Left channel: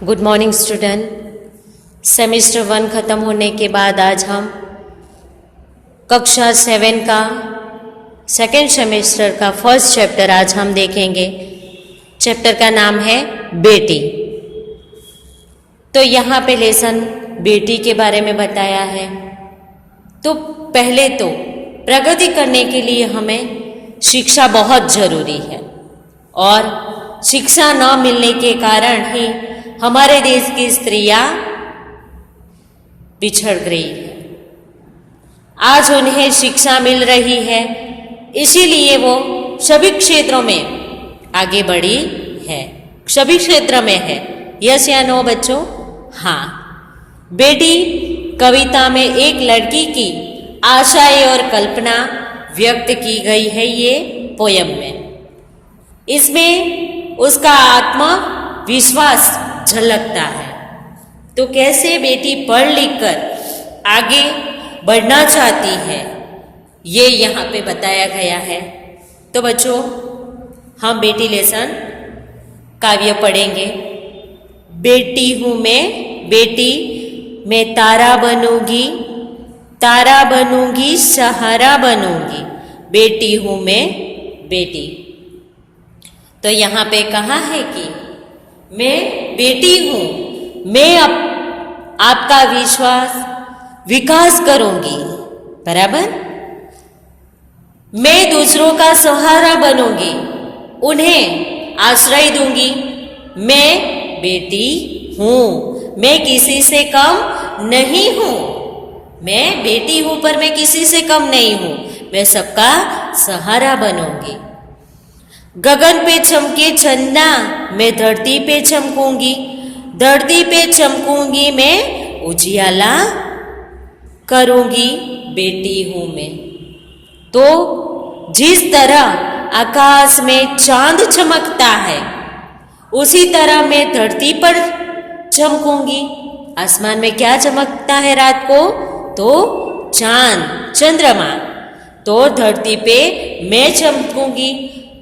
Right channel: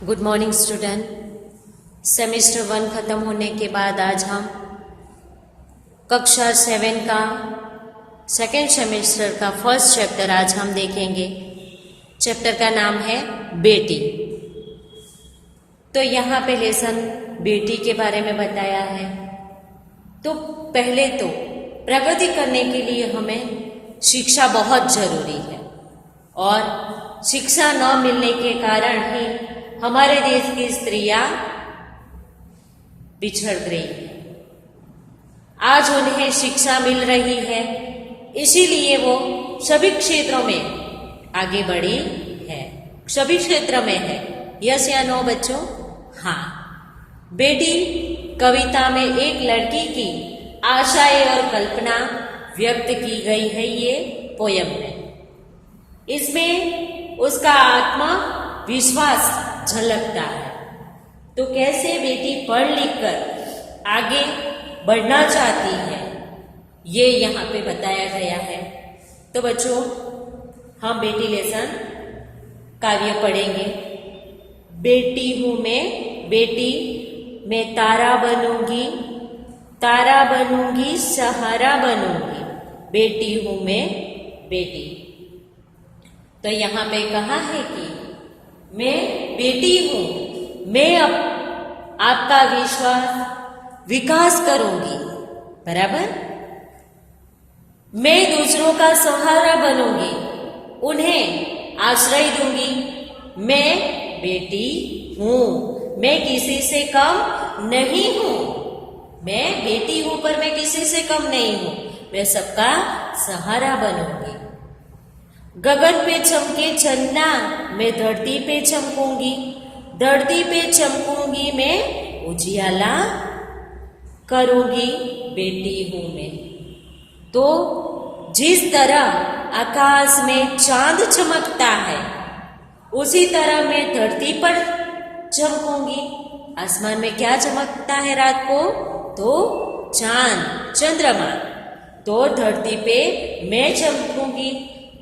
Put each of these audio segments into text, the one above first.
Good morning student. Semester 1 ख़त्म होने के बाद आज हम कक्षा 7 का सेकेंड सेमेस्टर का फर्स्ट चैप्टर आज हम देखेंगे। चैप्टर का नाम है बेटी। तो यहाँ पे लेसन बेटी के बारे में बताया है। तो पहले तो प्रगति करने के लिए हमें शिक्षा बहुत ज़रूरी है और शिक्षा न मिलने के कारण ही हमारे देश की स्त्रियां पिछड़ गई है। आज उन्हें शिक्षा मिल रही है, इसीलिए वो सभी क्षेत्रों में आगे बढ़ी है। सभी क्षेत्र में है, यस या नो बच्चों? हाँ। बेटी कविता में एक लड़की की आशाएं और कल्पना व्यक्त की गई है ये पोयम में। इसमें उसका आत्मविश्वास झलकता है। तो कैसे बेटी पढ़ लिख कर आगे बढ़ना चाहती है ये यहाँ पे बताया गया है। तो बच्चों हम बेटी लेसन काव्य पढ़ेंगे। बेटी हूँ मैं बेटी, मैं तारा बनूंगी, तारा बनूंगी, सहारा बनूंगी, बेटी हूँ मैं बेटी। तो यहाँ पे कहा है कि मैं बेटी हूँ, मैं आपका विकास करूंगी, बराबर। मैं दूसरों का सहारा बनूंगी, उन्हें आश्रय दूंगी। मैं बेटी हूँ, मैं किसी से कम नहीं हूँ। मैं बेटी हूँ पर मैं किसी से कम नहीं हूँ, मैं सबका सहारा बनूंगी। गगन पे चमके चंदा, मैं धरती पे चमकूंगी, धरती पे चमकूंगी, मैं उजियाला करूंगी, बेटी हूं मैं। तो जिस तरह आकाश में चांद चमकता है उसी तरह मैं धरती पर चमकूंगी। आसमान में क्या चमकता है रात को? तो चांद, चंद्रमा। तो धरती पे मैं चमकूंगी,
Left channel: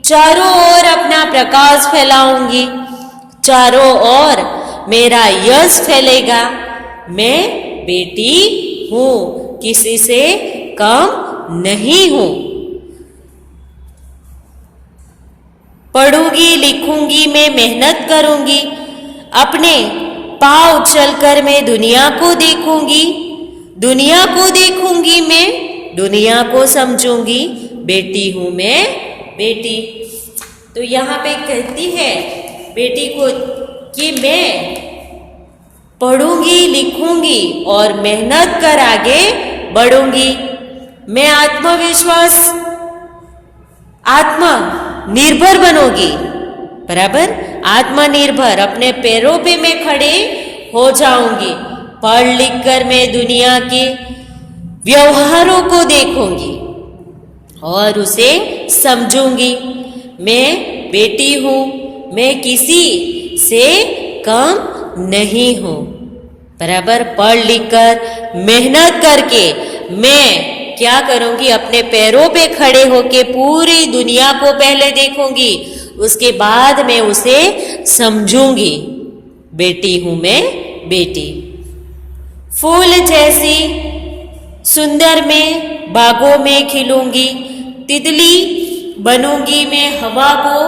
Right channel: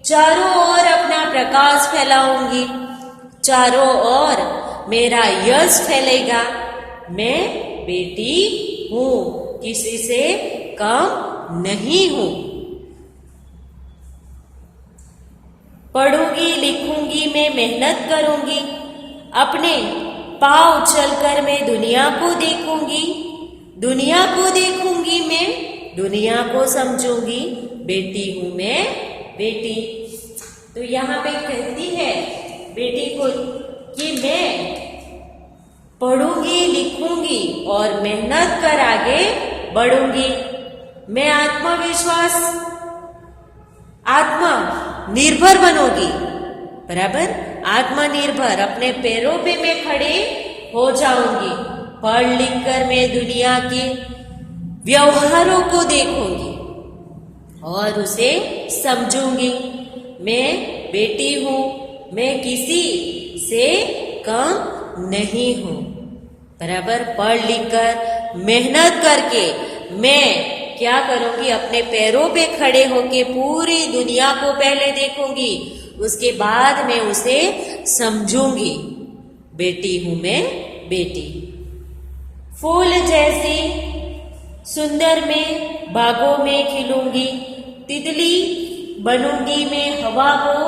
चारों ओर अपना प्रकाश फैलाऊंगी, चारों ओर मेरा यश फैलेगा। मैं बेटी हूँ, किसी से कम नहीं हूँ। पढ़ूंगी लिखूंगी, मैं मेहनत करूंगी, अपने पाँव चलकर मैं दुनिया को देखूंगी, दुनिया को देखूंगी, मैं दुनिया को समझूंगी, बेटी हूँ मैं बेटी। तो यहाँ पे कहती है बेटी को कि मैं पढ़ूंगी लिखूंगी और मेहनत कर आगे बढ़ूंगी। मैं आत्मनिर्भर बनूंगी, बराबर। आत्मनिर्भर, अपने पैरों पे मैं खड़े हो जाऊंगी। पढ़ लिख कर मैं दुनिया के व्यवहारों को देखूंगी और उसे समझूंगी। मैं बेटी हूँ, मैं किसी से कम नहीं हूँ, बराबर। पढ़ लिख कर मेहनत करके मैं क्या करूंगी? अपने पैरों पे खड़े होके पूरी दुनिया को पहले देखूंगी, उसके बाद मैं उसे समझूंगी। बेटी हूँ मैं बेटी। फूल जैसी सुंदर मैं बागों में खिलूंगी, तितली बनूंगी, मैं हवा को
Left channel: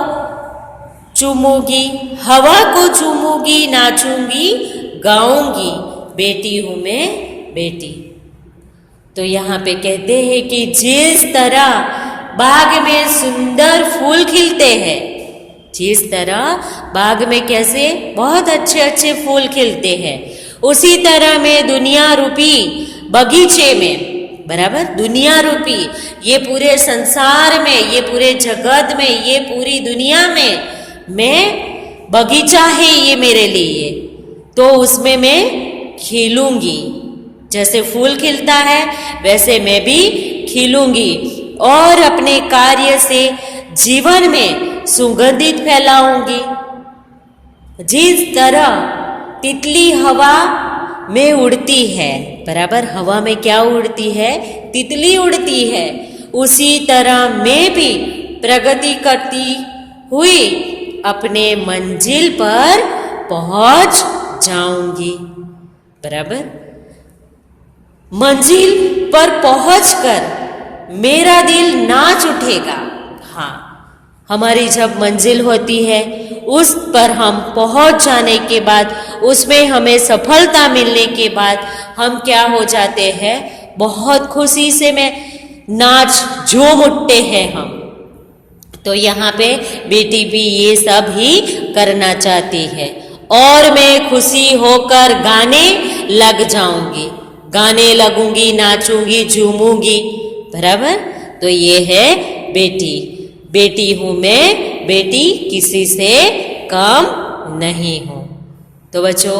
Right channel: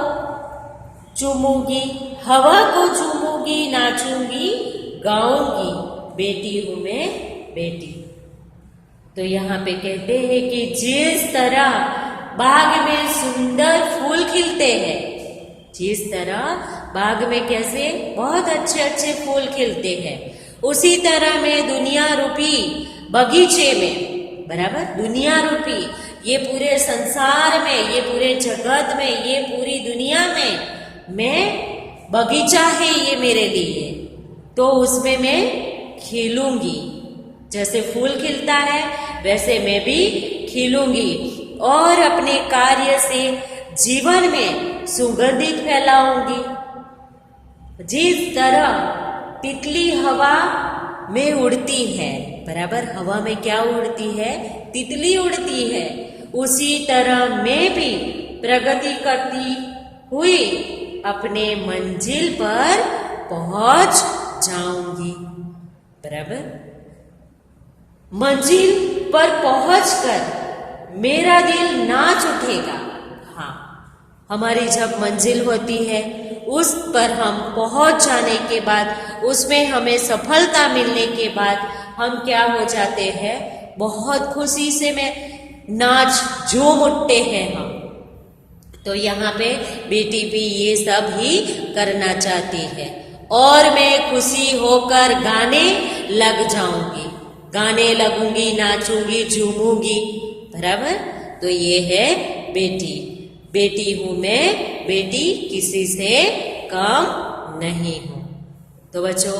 चूमूंगी, हवा को चूमूंगी, नाचूंगी, गाऊंगी, बेटी हूँ मैं बेटी। तो यहाँ पे कहते हैं कि जिस तरह बाग में सुंदर फूल खिलते हैं, जिस तरह बाग में कैसे बहुत अच्छे अच्छे फूल खिलते हैं, उसी तरह मैं दुनिया रूपी बगीचे में, बराबर, दुनिया रूपी ये पूरे संसार में, ये पूरे जगत में, ये पूरी दुनिया में मैं बगीचा है ये मेरे लिए। तो उसमें मैं खिलूंगी, जैसे फूल खिलता है वैसे मैं भी खिलूंगी और अपने कार्य से जीवन में सुगंधित फैलाऊंगी। जिस तरह तितली हवा में उड़ती है, बराबर, हवा में क्या उड़ती है? तितली उड़ती है। उसी तरह मैं भी प्रगति करती हुई अपने मंजिल पर पहुंच जाऊंगी। बराबर। मंजिल पर पहुंचकर मेरा दिल नाच उठेगा। हाँ, हमारी जब मंजिल होती है, उस पर हम पहुंच जाने के बाद, उसमें हमें सफलता मिलने के बाद हम क्या हो जाते हैं, बहुत खुशी से में नाच झूम उठते हैं हम। तो यहाँ पे बेटी भी ये सब ही करना चाहती है। और मैं खुशी होकर गाने लग जाऊंगी, गाने लगूंगी, नाचूंगी, झूमूंगी। बराबर। तो ये है बेटी। बेटी हूं मैं, बेटी किसी से कम नहीं हूं। तो बच्चों,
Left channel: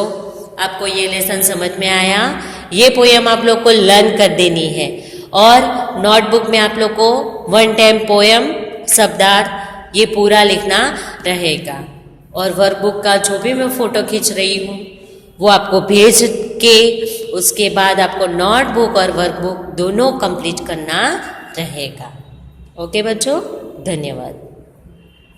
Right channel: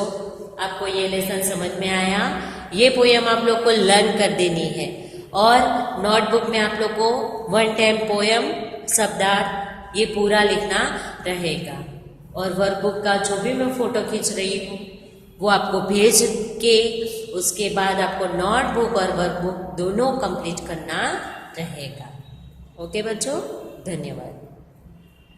आपको ये लेसन समझ में आया? ये पोयम आप लोग को लर्न कर देनी है और नोटबुक में आप लोग को 1 टाइम पोयम शब्दार्थ ये पूरा लिखना रहेगा। और वर्कबुक का जो भी मैं फोटो खींच रही हूँ वो आपको भेज के उसके बाद आपको नोटबुक और वर्कबुक दोनों कंप्लीट करना रहेगा। ओके बच्चों, धन्यवाद।